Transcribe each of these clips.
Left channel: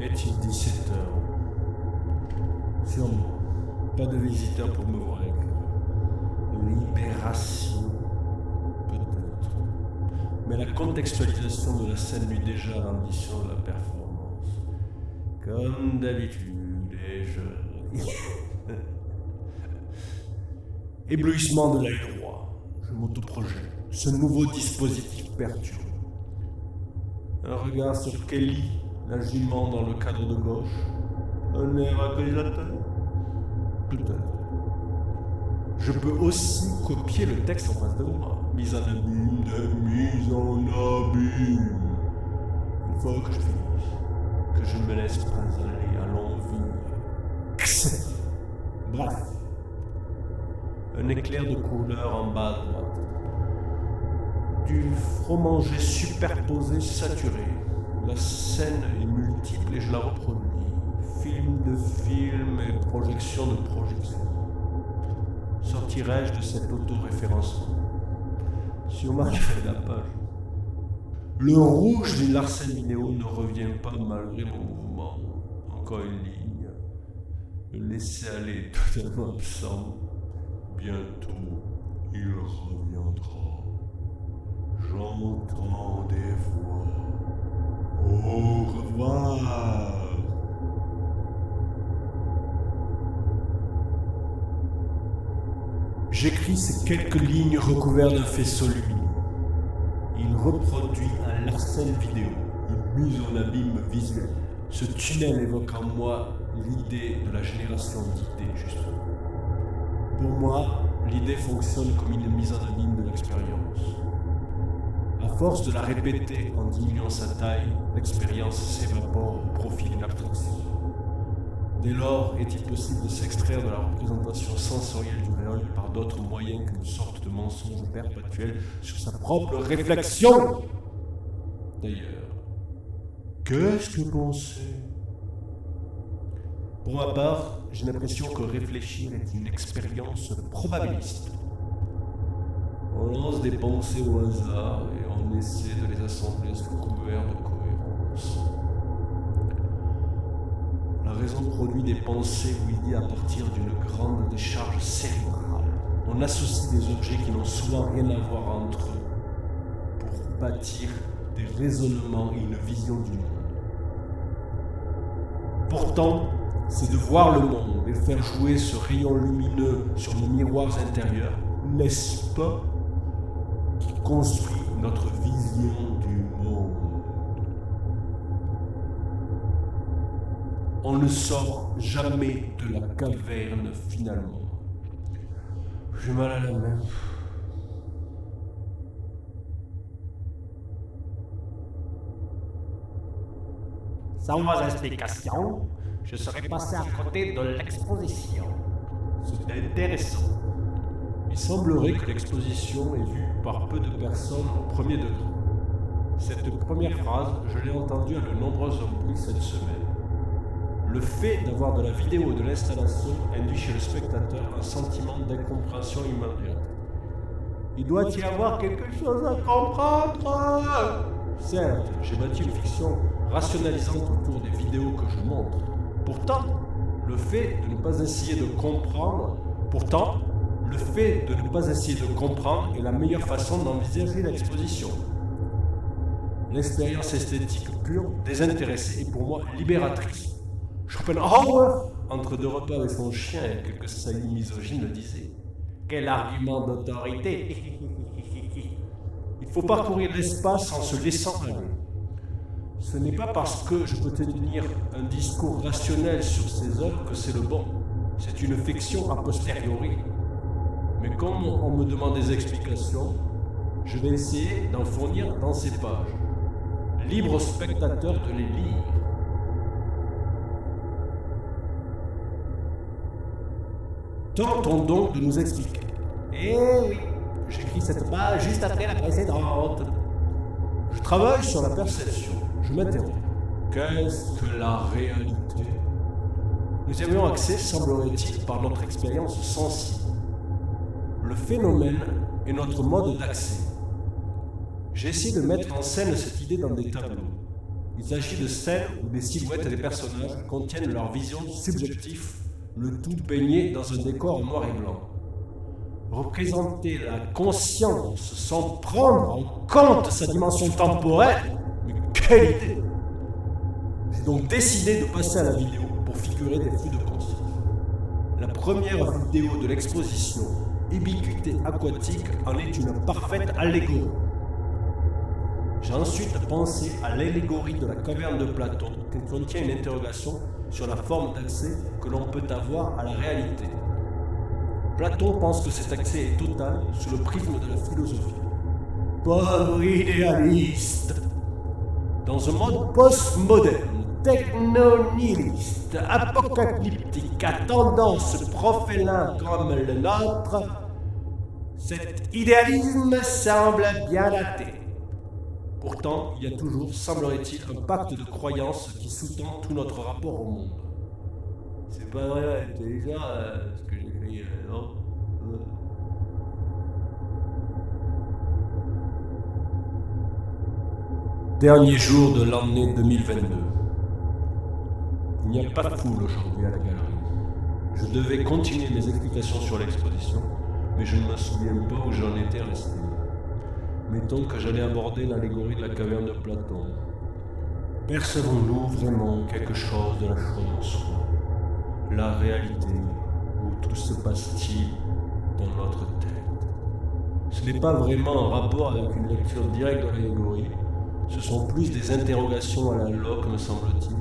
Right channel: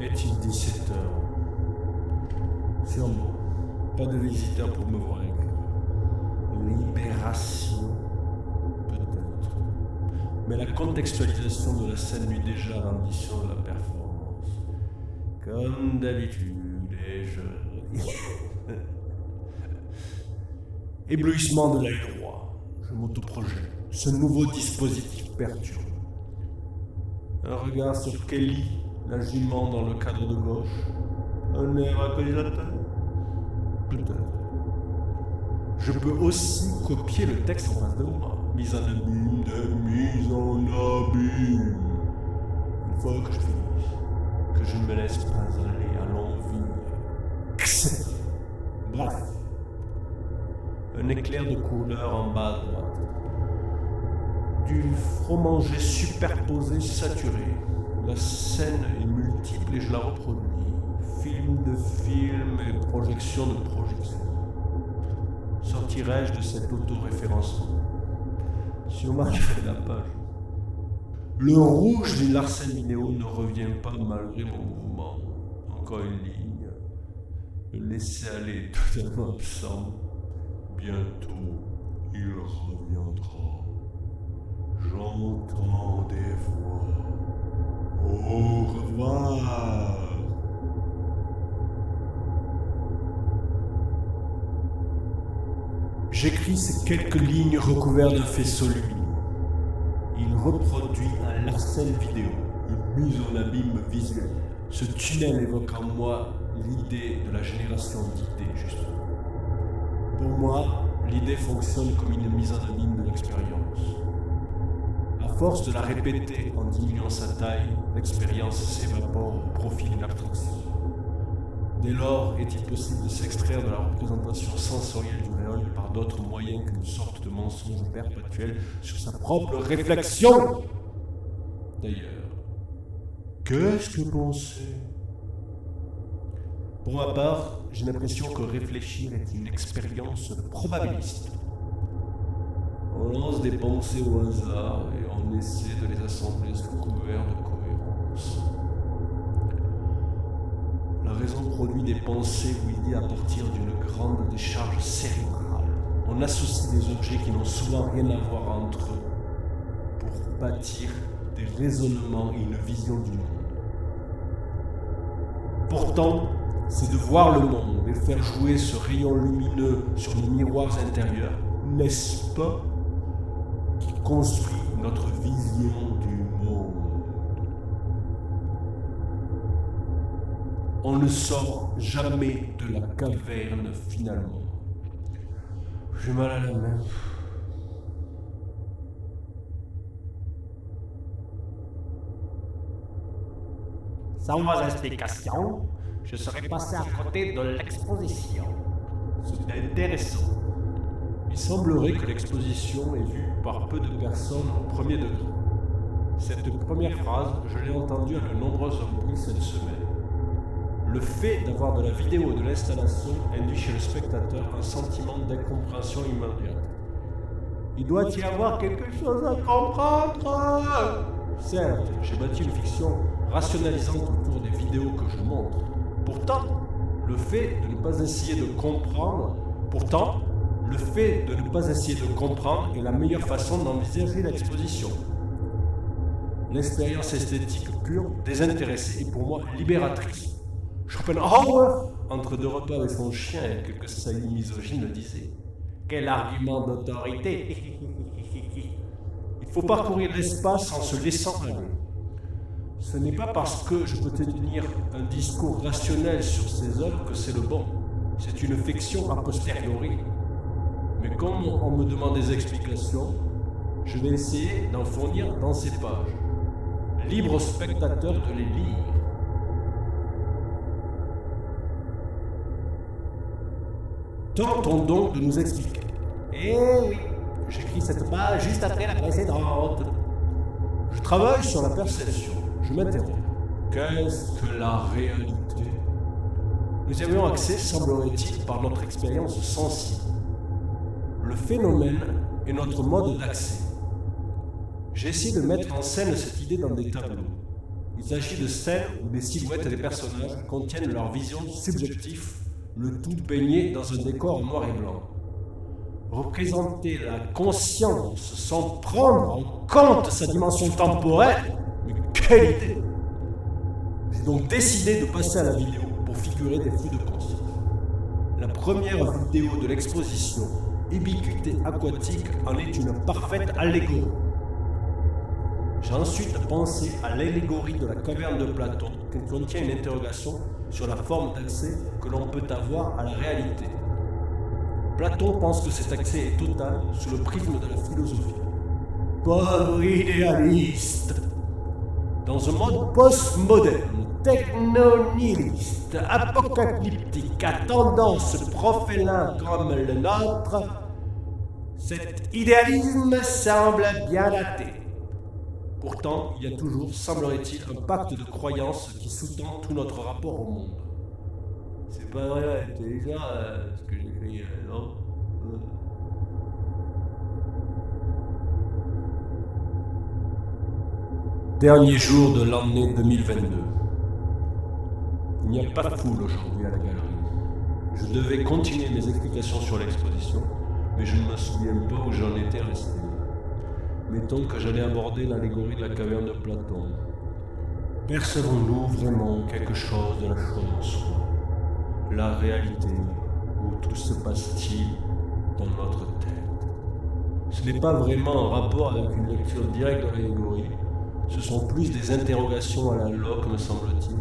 Est-il 17 heures? Sûrement. Pas de visiteurs pour me voir. Libération? Peut-être. Mais la contextualisation de la scène nuit déjà à l'ambition de la performance. Comme d'habitude, et je... Éblouissement de l'œil droit. Je m'autoprojette. Ce nouveau dispositif perturbe. Un regard sur Kelly, la jument dans le cadre de gauche. Un air accusateur? Peut-être. Je peux aussi copier le texte en face de moi. Mise en abîme, de mise en abîme. Il faut que je finisse. Que je ne me laisse pas aller à l'envie. Bref. Un éclair de couleur en bas à droite. Du fromager superposé saturé. La scène est multiple et je la reproduis. Film de film et projection de projection. Sortirai-je de cet autoréférencement? Sûrement je fais la page. Le rouge du Larsen Vidéo ne revient pas malgré mon mouvement. Encore une ligne. Le laisser aller totalement absent. Bientôt, il reviendra. J'entends des voix. Au revoir. J'écris ces quelques lignes recouvertes d'un faisceau lumineux. Il reproduit un Larsen Vidéo, une mise en abîme visuelle. Ce tunnel évoque en moi l'idée de la génération d'idées, justement. Pour moi, l'idée fonctionne comme une mise en abîme de l'expérience. À force de la répéter en diminuant sa taille, l'expérience s'évapore au profit d'une abstraction. Dès lors, est-il possible de s'extraire de la représentation sensorielle du réel par d'autres moyens qu'une sorte de mensonge perpétuel sur sa propre réflexion? D'ailleurs, qu'est-ce que penser? Pour ma part, j'ai l'impression que réfléchir est une expérience probabiliste. On lance des pensées au hasard et on essaie de les assembler sous couvert de cohérence. La raison produit des pensées ou idées à partir d'une grande décharge cérébrale. On associe des objets qui n'ont souvent rien à voir entre eux pour bâtir des raisonnements et une vision du monde. Pourtant, c'est de voir le monde et faire jouer ce rayon lumineux sur nos miroirs intérieurs, n'est-ce pas, qui construit notre vision du monde. On ne sort jamais de la caverne finalement. J'ai mal à la main. Sans vos explications, je serais passé à côté de l'exposition. C'est intéressant. Il semblerait que l'exposition est vue par peu de personnes au premier degré. Cette première phrase, je l'ai entendue à de nombreuses reprises cette semaine. Le fait d'avoir de la vidéo et de l'installation induit chez le spectateur un sentiment d'incompréhension immédiate. Il doit y avoir quelque chose à comprendre. Certes, j'ai bâti une fiction rationalisante autour des vidéos que je montre. Pourtant, le fait de ne pas essayer de comprendre est la meilleure façon d'envisager l'exposition. L'expérience esthétique pure, désintéressée est pour moi libératrice. Schopenhauer, entre deux repas avec son chien et quelques saillies misogynes, le disait. Quel argument d'autorité! Il faut parcourir l'espace en se laissant aller. Ce n'est pas parce que je peux tenir un discours rationnel sur ces œuvres que c'est le bon. C'est une fiction a posteriori. Mais comme on me demande des explications, je vais essayer d'en fournir dans ces pages. Libre au spectateur de les lire. Tentons donc de nous expliquer. Eh oui, j'écris cette page juste après la précédente. Je travaille sur la perception. Je m'interroge. Qu'est-ce que la réalité? Nous y avions accès, semblerait-il, par notre expérience sensible. Le phénomène est notre mode d'accès. J'ai essayé de mettre en scène cette idée dans des tableaux. Il s'agit de scènes où des silhouettes des personnages contiennent leur vision subjective, le tout baigné dans un décor en noir et blanc. Représenter la conscience sans prendre en compte sa dimension temporelle, mais quelle idée! J'ai donc décidé de passer à la vidéo pour figurer des flux de conscience. La première vidéo de l'exposition, Ubiquité aquatique, en est une parfaite allégorie. J'ai ensuite pensé à l'allégorie de la caverne de Platon, qui contient une interrogation sur la forme d'accès que l'on peut avoir à la réalité. Platon pense que cet accès est total sous le prisme de la philosophie. Pauvre idéaliste! Dans un monde postmoderne, techno-nihiliste, apocalyptique, à tendance prophéline comme le nôtre, cet idéalisme semble bien daté. Pourtant, il y a toujours, semblerait-il, un pacte de croyance qui sous-tend tout notre rapport au monde. C'est pas vrai, intelligent, ce que j'écris, non? Dernier jour de l'année 2022. Il n'y a pas de foule aujourd'hui à la galerie. Je devais continuer mes explications sur l'exposition, mais je ne me souviens pas où j'en étais resté. Mettons que j'allais aborder l'allégorie de la caverne de Platon. Percevons-nous vraiment quelque chose de la chose en soi? La réalité, où tout se passe-t-il dans notre tête? Ce n'est pas vraiment en rapport avec une lecture directe de l'allégorie, ce sont plus des interrogations à la Locke, me semble-t-il,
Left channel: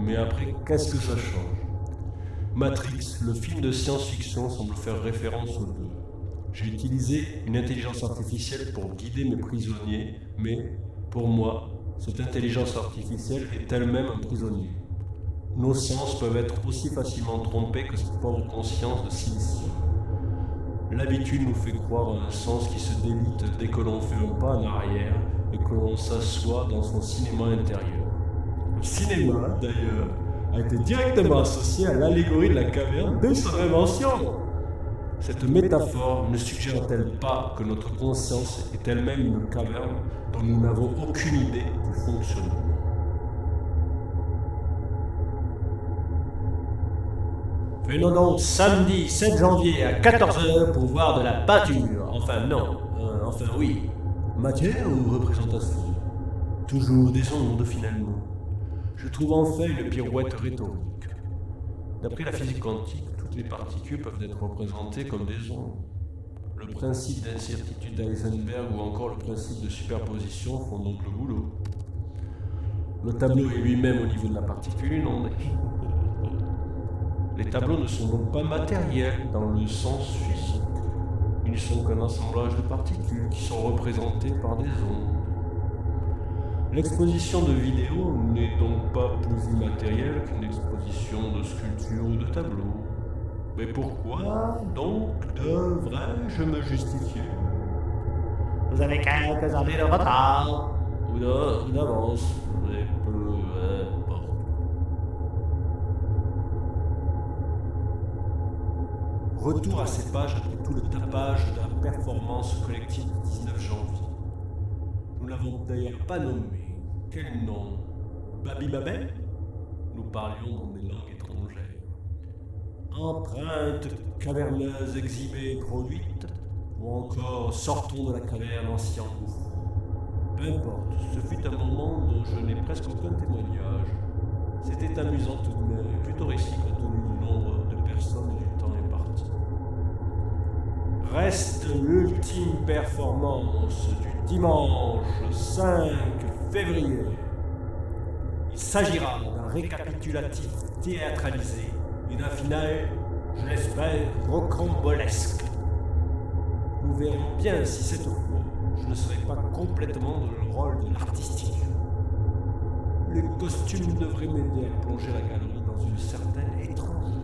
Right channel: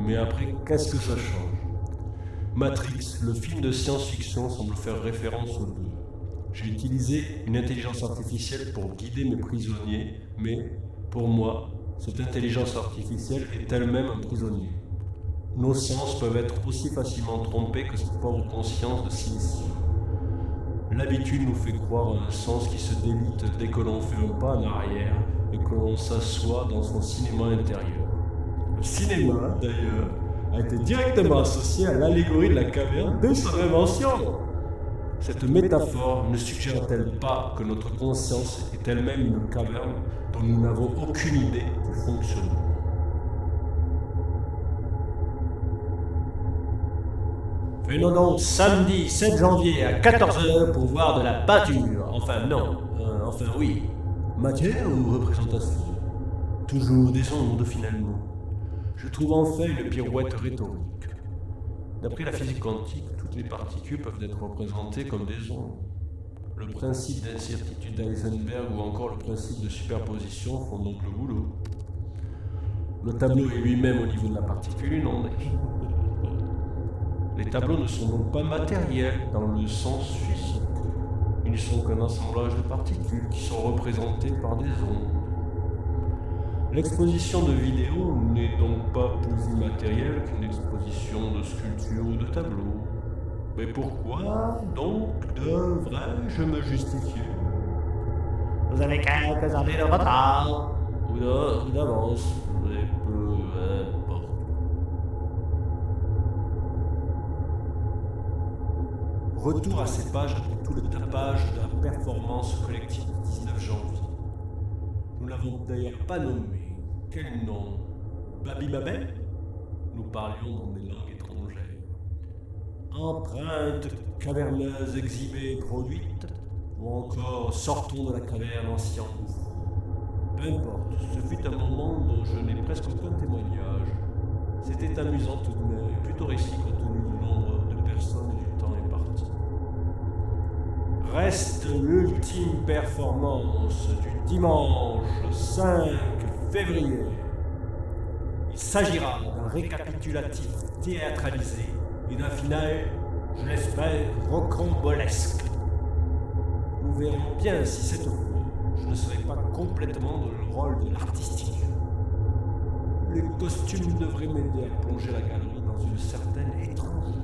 mais après, qu'est-ce que ça change? Matrix, le film de science-fiction, semble faire référence aux deux. J'ai utilisé une intelligence artificielle pour guider mes prisonniers, mais, pour moi, cette intelligence artificielle est elle-même un prisonnier. Nos sens peuvent être aussi facilement trompés que cette pauvre conscience de silicium. L'habitude nous fait croire en un sens qui se délite dès que l'on fait un pas en arrière et que l'on s'assoit dans son cinéma intérieur. Le cinéma, d'ailleurs, a été directement associé à l'allégorie de la caverne dès son invention. Cette métaphore ne suggère-t-elle pas que notre conscience est elle-même une caverne dont nous n'avons aucune idée du fonctionnement? Venons donc samedi 7 janvier à 14h pour voir de la peinture. Enfin non, enfin oui. Matière ou représentation? Toujours des ondes finalement. Je trouve enfin une pirouette rhétorique. D'après la physique quantique, toutes les particules peuvent être représentées comme des ondes. Le principe d'incertitude d'Heisenberg ou encore le principe de superposition font donc le boulot. Le tableau est lui-même au niveau de la particule une onde. Les tableaux ne sont donc pas matériels dans le sens physique. Ils ne sont qu'un assemblage de particules qui sont représentées par des ondes. L'exposition de vidéos n'est donc pas plus immatérielle qu'une exposition de sculptures ou de tableaux. Mais pourquoi donc devrais-je me justifier? Vous avez quelques années de retard. Ou d'avance, mais peu importe. Retour à ces pages après tout le tapage de la performance collective du 19 janvier. Nous l'avons d'ailleurs pas nommé. Quel nom? Babybabel? Nous parlions dans des langues étrangères. Empreintes caverneuses exhibées et produites, ou encore sortons de la caverne en s'y engouffrant. Peu importe, ce fut un moment dont je n'ai presque aucun témoignage. C'était amusant tout de même, et plutôt réussi compte tenu du nombre de personnes et du temps imparti. Reste l'ultime performance du dimanche 5 février. Il s'agira d'un récapitulatif théâtralisé et d'un final, je l'espère, rocambolesque. Nous verrons bien si cette fois, je ne serai pas complètement dans le rôle de l'artistique. Les costumes devraient m'aider à plonger la galerie dans une certaine étrangeté.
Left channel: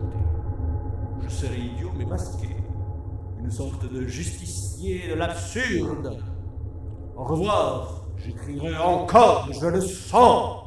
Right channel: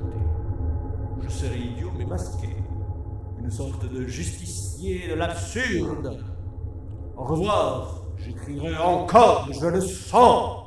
Je serai idiot mais masqué. Une sorte de justicier de l'absurde. Au revoir, j'écrirai encore, je le sens.